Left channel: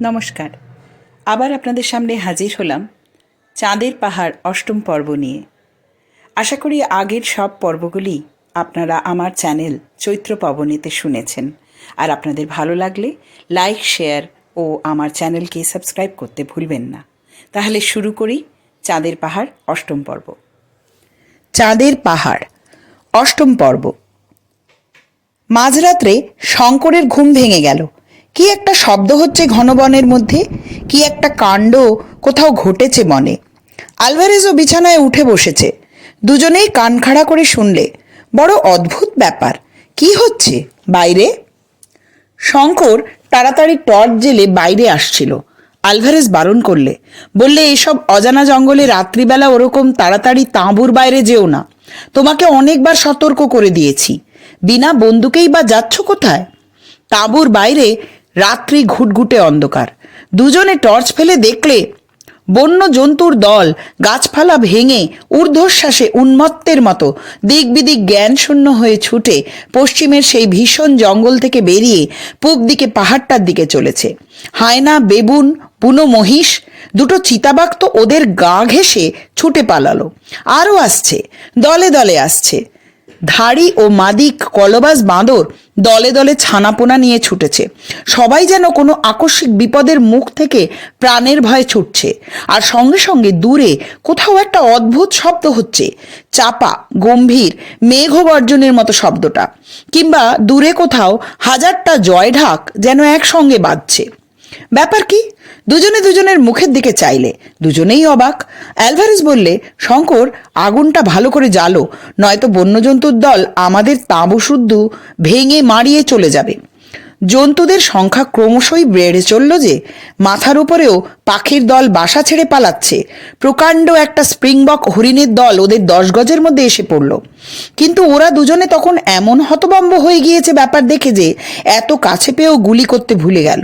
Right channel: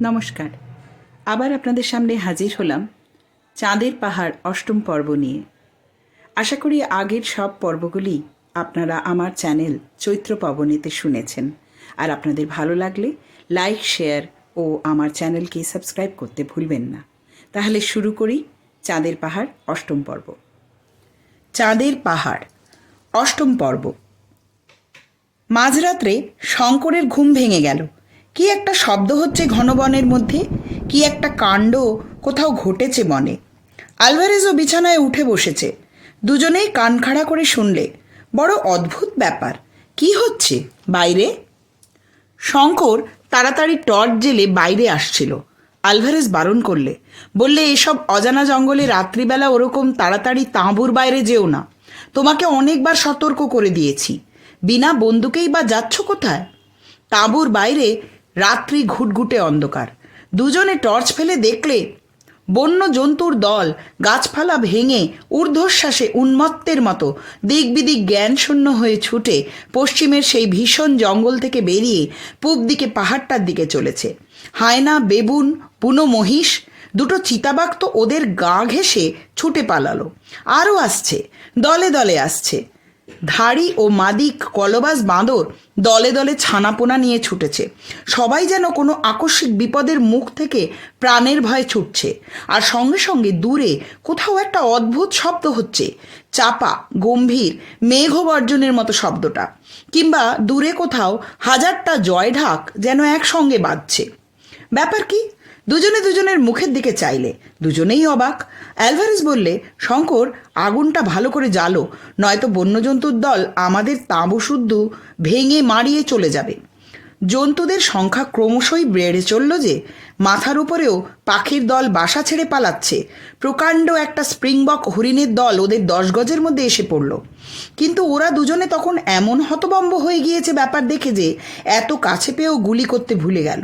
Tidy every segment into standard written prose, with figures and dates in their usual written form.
নমস্কার। আবার আপনাদের সামনে হাজির হলাম চাঁদের পাহাড় অষ্টম পর্ব নিয়ে। আশা করি আগের সব পর্বগুলি আপনারা আমার চ্যানেল চৈত্র পবনেতে শুনেছেন, আর আপনাদের ভালো লাগলে লাইক, শেয়ার ও আমার চ্যানেলকে সাবস্ক্রাইব করতে ভুলবেন না। তাহলে শুরু করি চাঁদের পাহাড় অষ্টম পর্ব। চাঁদের পাহাড় অষ্টম পর্ব। মাঝরাত্রে শঙ্করের ঘুম ভেঙে গেল। কি একটা শব্দ হচ্ছে ঘন বনের মধ্যে, কি একটা কাণ্ড কোথাও ঘটেছে বনে। আলভারেজও বিছানায় উঠে বসেছে। দুজনেই কান খাড়া করে শুনলে। বড় অদ্ভুত ব্যাপার, কি হচ্ছে বাইরে? শঙ্কর তাড়াতাড়ি টর্চ জেলে বাইরে আসছিল। আলভারেজ বারণ করলে, বললে, এসব অজানা জঙ্গলে রাত্রিবেলা ওরকম তাড়াতাড়ি তাঁবুর বাইরে যেও না। তোমাকে অনেকবার সতর্ক করে দিয়েছি। বিনা বন্দুকেই বা যাচ্ছ কোথায়? তাঁবুর বাইরে রাত্রি ঘুটঘুটে অন্ধকার। দুজনে টর্চ ফেলে দেখলে বন্য জন্তুর দল গাছপালা ভেঙে ঊর্ধ্বশ্বাসে উন্মত্তের মতো দিক বিদিক জ্ঞান শূন্য হয়ে ছুটে পশ্চিমের সেই ভীষণ জঙ্গল থেকে বেরিয়ে পূব দিকে পাহাড়টার দিকে চলেছে। হায়না, বেবুন, বুনো মহিষ, দুটো চিতাবাঘ তো ওদের গা ঘেঁষে ছুটে পালালো। আরও আসছে, দলে দলে আসছে। ধাড়ি ও মাদিক কলবাজ বাঁদর দলে দলে ছানাপোনা নিয়ে ছুটেছে। সবাই যেন কোনো আকস্মিক বিপদের মুখ থেকে প্রাণের ভয়ে ছুটছে। আর সঙ্গে সঙ্গে দূরে কোথাও একটা অদ্ভুত শব্দ হচ্ছে, চাপা, গম্ভীর, মেঘবর্জনের মতো শব্দটা। কিংবা দূরে কোথাও হাজারটা জয়ঢাক যেন একসঙ্গে বাজছে। ব্যাপার কি? দুজনে দুজনের মুখের দিকে চাইলে। দুজনেই অবাক। অ্যালভারেজ বললে, শঙ্কর, আগুনটা ভালো করে জ্বালো, নয়তো বন্যজন্তুর দল আমাদের তাঁবু শুদ্ধ ভেঙে মারিয়ে চলে যাবে। জন্তুদের সংখ্যা ক্রমশই বেড়ে চলল যে, মাথার উপরেও পাখির দল বাসা ছেড়ে পালাচ্ছে। প্রকাণ্ড একটা স্প্রিংবক হরিণের দল ওদের 10 গজের মধ্যে এসে পড়ল। কিন্তু ওরা দুজনে তখন এমন হতভম্ব হয়ে গিয়েছে ব্যাপার দেখে যে এত কাছে পেয়েও গুলি করতে ভুলে গেল।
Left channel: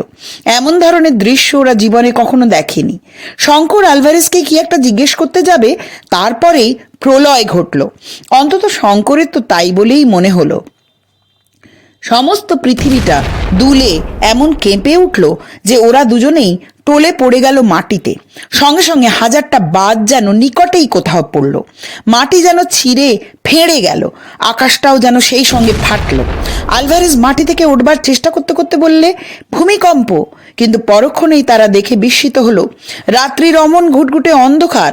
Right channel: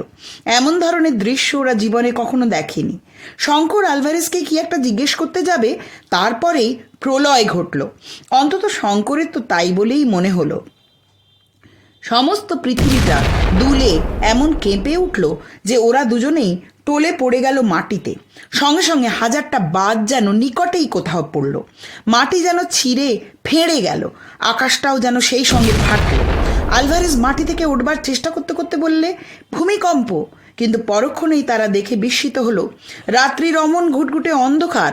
এমন ধরনের দৃশ্য ওরা জীবনে কখনো দেখেনি। শঙ্কর আলভারেজকে কি একটা জিজ্ঞেস করতে যাবে, তারপরেই প্রলয় ঘটল। অন্তত শঙ্করের তো তাই বলেই মনে হলো। সমস্ত পৃথিবীটা দুলে এমন কেঁপে উঠল যে ওরা দুজনেই টলে পড়ে গেল মাটিতে। সঙ্গে সঙ্গে হাজারটা বাজ যেন নিকটেই কোথাও পড়ল। মাটি যেন ছিঁড়ে ফেঁড়ে গেল, আকাশটাও যেন সেই সঙ্গে ফাটল। আলভারেজ মাটি থেকে উঠবার চেষ্টা করতে করতে বললে, ভূমিকম্প। কিন্তু পরক্ষণেই তারা দেখে বিস্মিত হলো, রাত্রির অমন ঘুটঘুটে অন্ধকার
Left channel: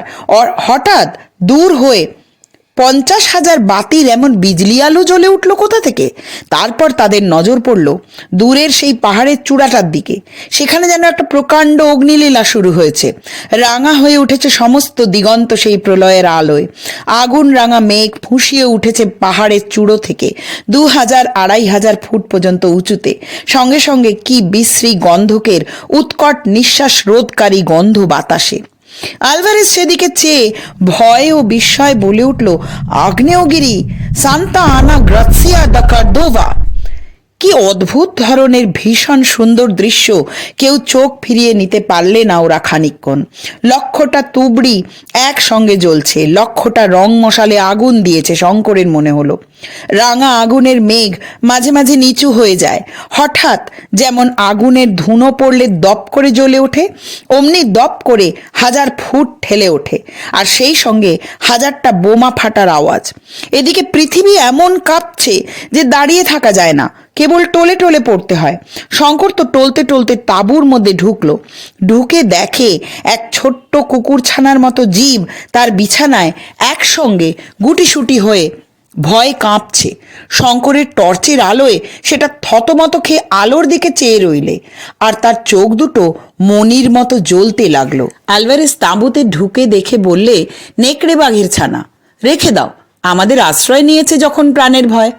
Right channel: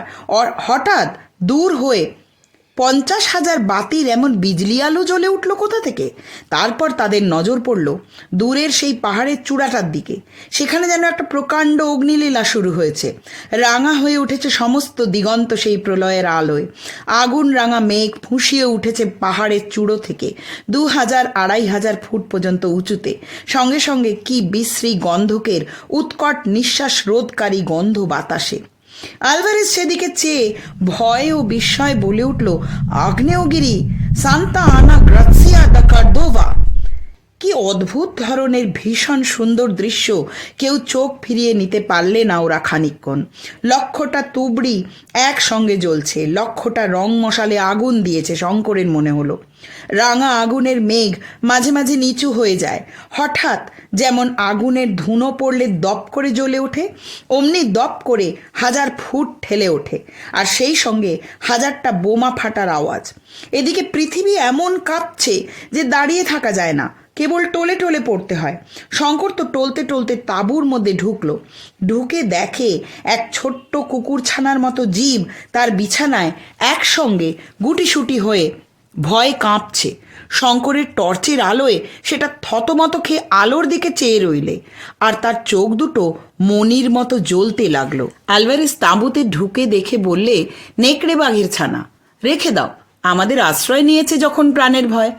হঠাৎ দূর হয়ে 50,000 বাতির এমন বিজলি আলো জ্বলে উঠল কোথা থেকে। তারপর তাদের নজর পড়ল দূরের সেই পাহাড়ের চূড়াটার দিকে। সেখানে যেন একটা প্রকাণ্ড অগ্নিলীলা শুরু হয়েছে। রাঙা হয়ে উঠেছে সমস্ত দিগন্ত সেই প্রলয়ের আলোয়। আগুন রাঙা মেঘ ফুঁসিয়ে উঠেছে পাহাড়ের চূড়ো থেকে 2000-2500 ফুট পর্যন্ত উঁচুতে। সঙ্গে সঙ্গে কি বিশ্রী গন্ধকের উৎকট নিঃশ্বাস রোধকারী গন্ধ বাতাসে। আলভারেজ সেদিকে চেয়ে ভয় ও বিস্ময় বলে উঠল, আগ্নেয়গিরি, সান্তা আনা গ্রাসিয়া দা কার্দোভা। কি অদ্ভুত ধরনের ভীষণ সুন্দর দৃশ্য! কেউ চোখ ফিরিয়ে নিতে পারলে না ওরা খানিকক্ষণ। লক্ষটা তুবড়ি একসঙ্গে জ্বলছে, লক্ষটা রং মশালে আগুন দিয়েছে শঙ্করের মনে হলো। রাঙা আগুনের মেঘ মাঝে মাঝে নিচু হয়ে যায়। হঠাৎ যেমন আগুনের ধুনো পড়লে দপ করে জ্বলে ওঠে, অমনি দপ করে 1000 ফুট ঠেলে ওঠে। আর সেই সঙ্গে হাজারটা বোমা ফাটার আওয়াজ। এদিকে পৃথিবী এমন কাঁপছে যে দাঁড়িয়ে থাকা যায় না, কেবল টলে টলে পড়তে হয়। শঙ্কর তো টলতে টলতে তাঁবুর মধ্যে ঢুকলো। ঢুকে দেখে এক ছোট্ট কুকুরছানার মতো জীব তার বিছানায় একসঙ্গে গুটিসুটি হয়ে ভয় কাঁপছে। শঙ্করের টর্চের আলোয় সেটা থতমত খেয়ে আলোর দিকে চেয়ে রইলে, আর তার চোখ দুটো মনির মতো জ্বলতে লাগলো। আলভারেজ তাঁবুতে ঢুকে দেখে বললে, নেকড়ে বাঘের ছানা, রেখে দাও। আমাদের আশ্রয় নিয়েছে যখন প্রাণের ভয়।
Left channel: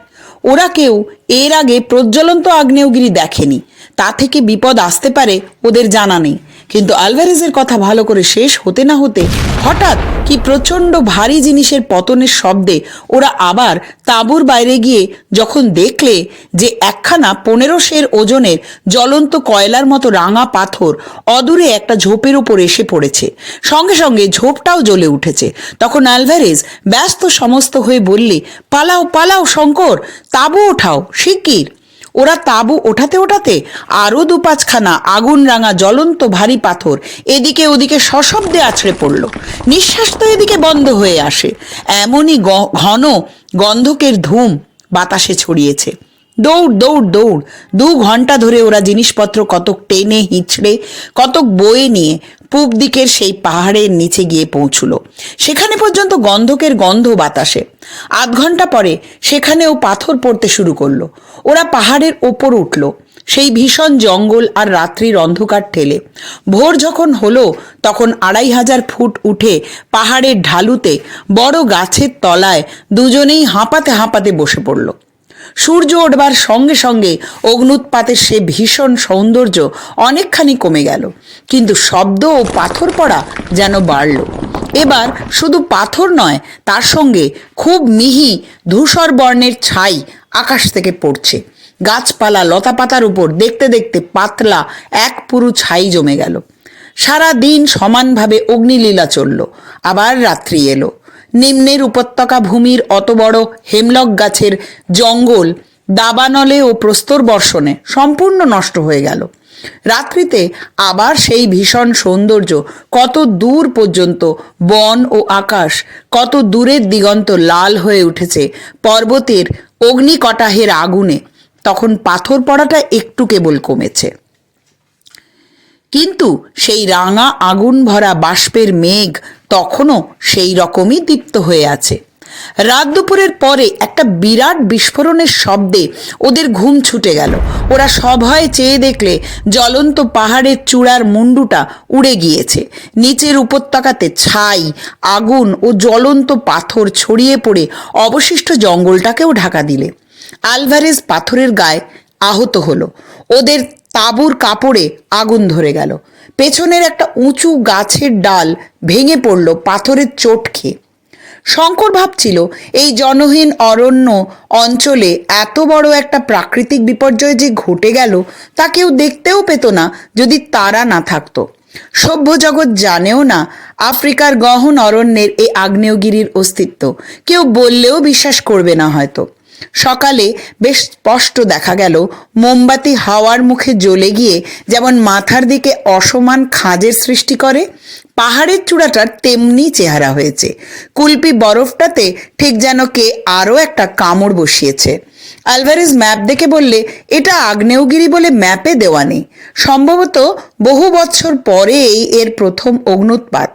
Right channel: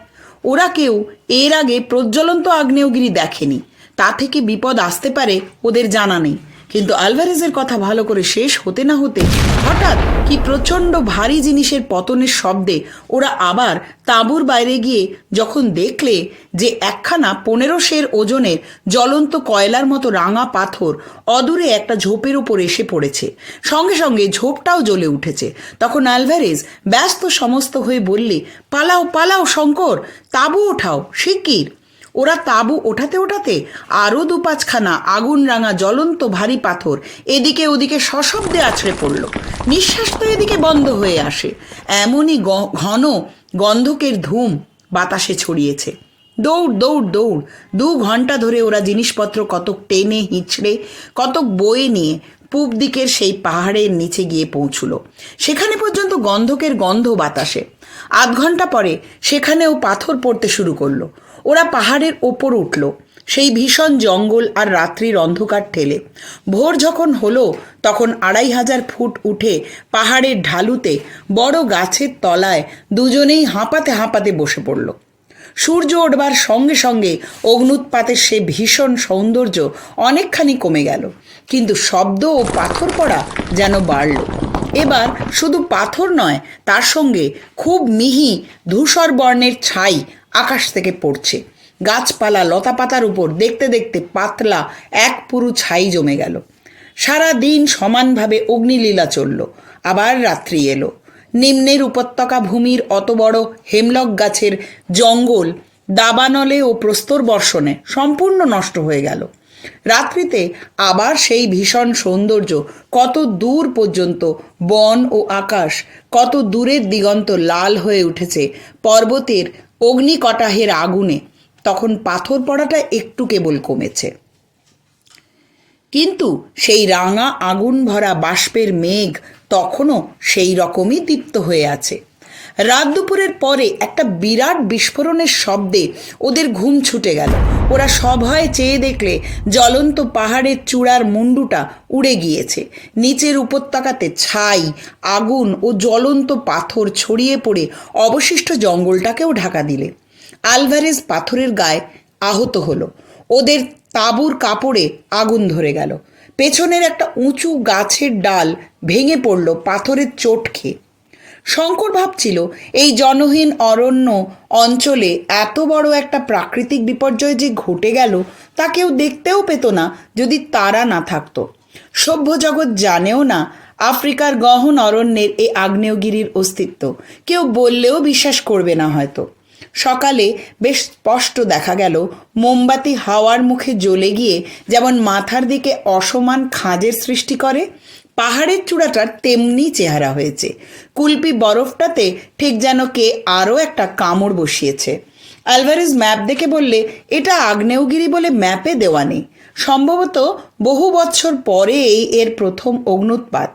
ওরা কেউ এর আগে প্রজ্বলন্ত আগ্নেয়গিরি দেখেনি, তা থেকে বিপদ আসতে পারে ওদের জানা নেই। কিন্তু আলভারেজের কথা ভালো করে শেষ হতে না হতে হঠাৎ কি প্রচণ্ড ভারী জিনিসের পতনের শব্দে ওরা আবার তাঁবুর বাইরে গিয়ে যখন দেখলে যে একখানা 15 সের ওজনের জ্বলন্ত কয়লার মতো রাঙা পাথর অদূরে একটা ঝোপের উপর এসে পড়েছে, সঙ্গে সঙ্গে ঝোপটাও জ্বলে উঠেছে, তখন আলভারেজ ব্যস্ত সমস্ত হয়ে বললে, পালাও পালাও শঙ্কর, তাঁবু ওঠাও শিগগির। ওরা তাঁবু ওঠাতে ওঠাতে আরও 4-5খানা আগুন রাঙা জ্বলন্ত ভারী পাথর এদিকে ওদিকে সশব্দে আছড়ে পড়ল। নিঃশ্বাস তো এদিকে বন্ধ হয়ে আসে, এমনই ঘন গন্ধকের ধূম বাতাসে ছড়িয়েছে। দৌড় দৌড় দৌড়, 2 ঘন্টা ধরে ওরা জিনিসপত্র কতক টেনে হিঁচড়ে কতক বয়ে নিয়ে পূব দিকের সেই পাহাড়ের নিচে গিয়ে পৌঁছল। সেখানে পর্যন্ত গন্ধকের গন্ধ বাতাসে। 8 ঘন্টা পরে সেখানেও পাথর পড়তে শুরু করলো। ওরা পাহাড়ের ওপর উঠল, সেই ভীষণ জঙ্গল আর রাত্রির অন্ধকার ঠেলে। ভোর যখন হলো তখন 2500 ফুট উঠে পাহাড়ের ঢালুতে বড় গাছের তলায় দুজনেই হাঁপাতে হাঁপাতে বসে পড়ল। সূর্য ওঠবার সঙ্গে সঙ্গে অগ্নুৎপাতের সে ভীষণ সৌন্দর্য অনেকখানি কমে গেল, কিন্তু শব্দ ও পাথর পড়া যেন বাড়ল। এবার শুধু পাথর নয়, তার সঙ্গে খুব মিহি ধূসর বর্ণের ছাই আকাশ থেকে পড়ছে। গাছপালা লতাপাতার উপর দেখতে দেখতে পাতলা এক পুরু ছাই জমে গেল। সারা দিন সমানভাবে অগ্নিলীলা চলল। আবার রাত্রি এলো। নিম্নের উপত্যকা ভূমির অত বড় হেমলক গাছের জঙ্গল দাবানলে ও প্রস্তর বর্ষণে সম্পূর্ণ নষ্ট হয়ে গেল। রাত্রিতে আবার সেই ভীষণ সৌন্দর্য, কত দূর পর্যন্ত বন ও আকাশ, কত দূরের দিগন্ত লাল হয়ে উঠেছে পর্বতের অগ্নিকটাহের আগুনে। তখন পাথর পড়াটা একটু কেবল কমেছে, কিন্তু সেই রাঙা আগুন ভরা বাষ্পের মেঘ তখনও সেই রকমই দীপ্ত হয়ে আছে। রাত দুপুরের পরে একটা বিরাট বিস্ফোরণের শব্দে ওদের ঘুম ছুটে গেল। ওরা সভয়ে চেয়ে দেখলে জ্বলন্ত পাহাড়ের চূড়ার মুন্ডুটা উড়ে গিয়েছে। নিচের উপত্যকাতে ছাই, আগুন ও জ্বলন্ত পাথর ছড়িয়ে পড়ে অবশিষ্ট জঙ্গলটাকেও ঢাকা দিলে। আলভারেজ পাথরের গায়ে আহত হলো। ওদের তাঁবুর কাপড়ে আগুন ধরে গেল। পেছনের একটা উঁচু গাছের ডাল ভেঙে পড়ল পাথরের চোট খেয়ে। শঙ্কর ভাবছিল, এই জনহীন অরণ্য অঞ্চলে এত বড় একটা প্রাকৃতিক বিপর্যয় যে ঘটে গেল তা কেউ দেখতেও পেত না যদি তারা না থাকতো। সভ্য জগৎ জানেও না আফ্রিকার গহন অরণ্যের এই আগ্নেয়গিরির অস্তিত্ব। কেউ বললেও বিশ্বাস করবে না হয়তো। সকালে বেশ স্পষ্ট দেখা গেল মোমবাতি হাওয়ার মুখে জ্বলে গিয়ে যেমন মাথার দিকে অসমান খাঁজের সৃষ্টি করে, পাহাড়ের চূড়াটার তেমনি চেহারা হয়েছে। কুলপি বরফটাতে ঠিক যেন কে আরও একটা কামড় বসিয়েছে। আলভারেজ ম্যাপ দেখে বললে, এটা আগ্নেয়গিরি বলে ম্যাপে দেওয়া নেই। সম্ভবত বহু বছর পরেই এর প্রথম অগ্নুৎপাত,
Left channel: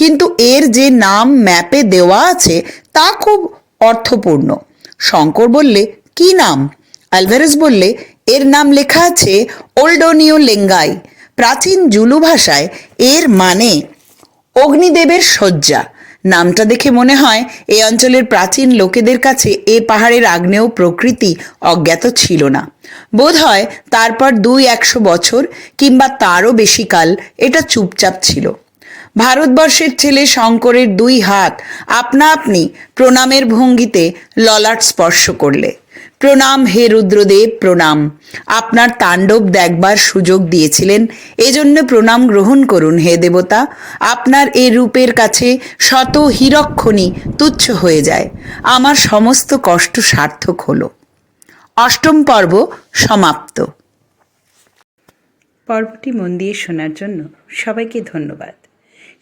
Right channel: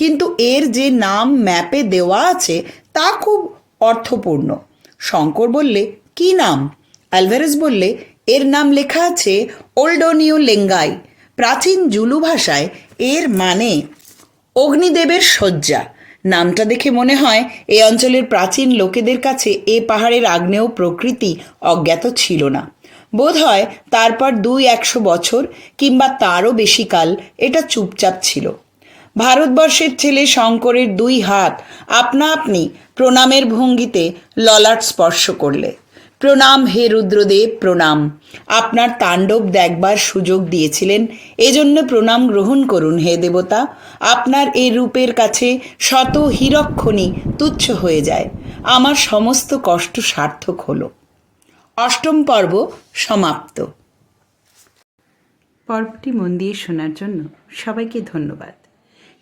কিন্তু এর যে নাম ম্যাপে দেওয়া আছে তা খুব অর্থপূর্ণ। শঙ্কর বললে, কি নাম? আলভারেজ বললে, এর নাম লেখা আছে ওল্ডোনিও লেঙ্গাই। প্রাচীন জুলু ভাষায় এর মানে অগ্নিদেবের শয্যা। নামটা দেখে মনে হয় এই অঞ্চলের প্রাচীন লোকেদের কাছে এ পাহাড়ের আগ্নেয় প্রকৃতি অজ্ঞাত ছিল না। বোধ হয় তারপর 200 বছর কিংবা তারও বেশি কাল এটা চুপচাপ ছিল। ভারতবর্ষের ছেলে শঙ্করের 2 হাত আপনা আপনি প্রণামের ভঙ্গিতে ললাট স্পর্শ করলে। প্রণাম হে রুদ্রদেব, প্রণাম। আপনার তাণ্ডব দেখবার সুযোগ দিয়েছিলেন, এজন্য প্রণাম গ্রহণ করুন হে দেবতা। আপনার এ রূপের কাছে শত হীরকখনি তুচ্ছ হয়ে যায়। আমার সমস্ত কষ্ট সার্থক হলো। 8ম পর্ব সমাপ্ত। পর্বটি মন দিয়ে শোনার জন্য সবাইকে ধন্যবাদ।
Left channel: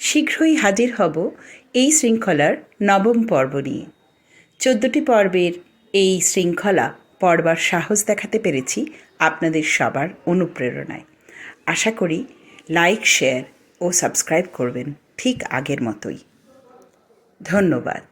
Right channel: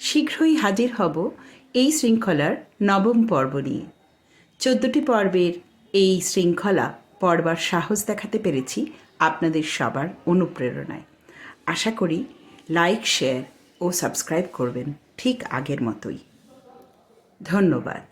শীঘ্রই হাজির হব এই শৃঙ্খলার 9ম পর্ব নিয়ে। 14টি পর্বের এই শৃঙ্খলা পড়বার সাহস দেখাতে পেরেছি আপনাদের সবার অনুপ্রেরণায়। আশা করি লাইক, শেয়ার ও সাবস্ক্রাইব করবেন ঠিক আগের মতোই। ধন্যবাদ।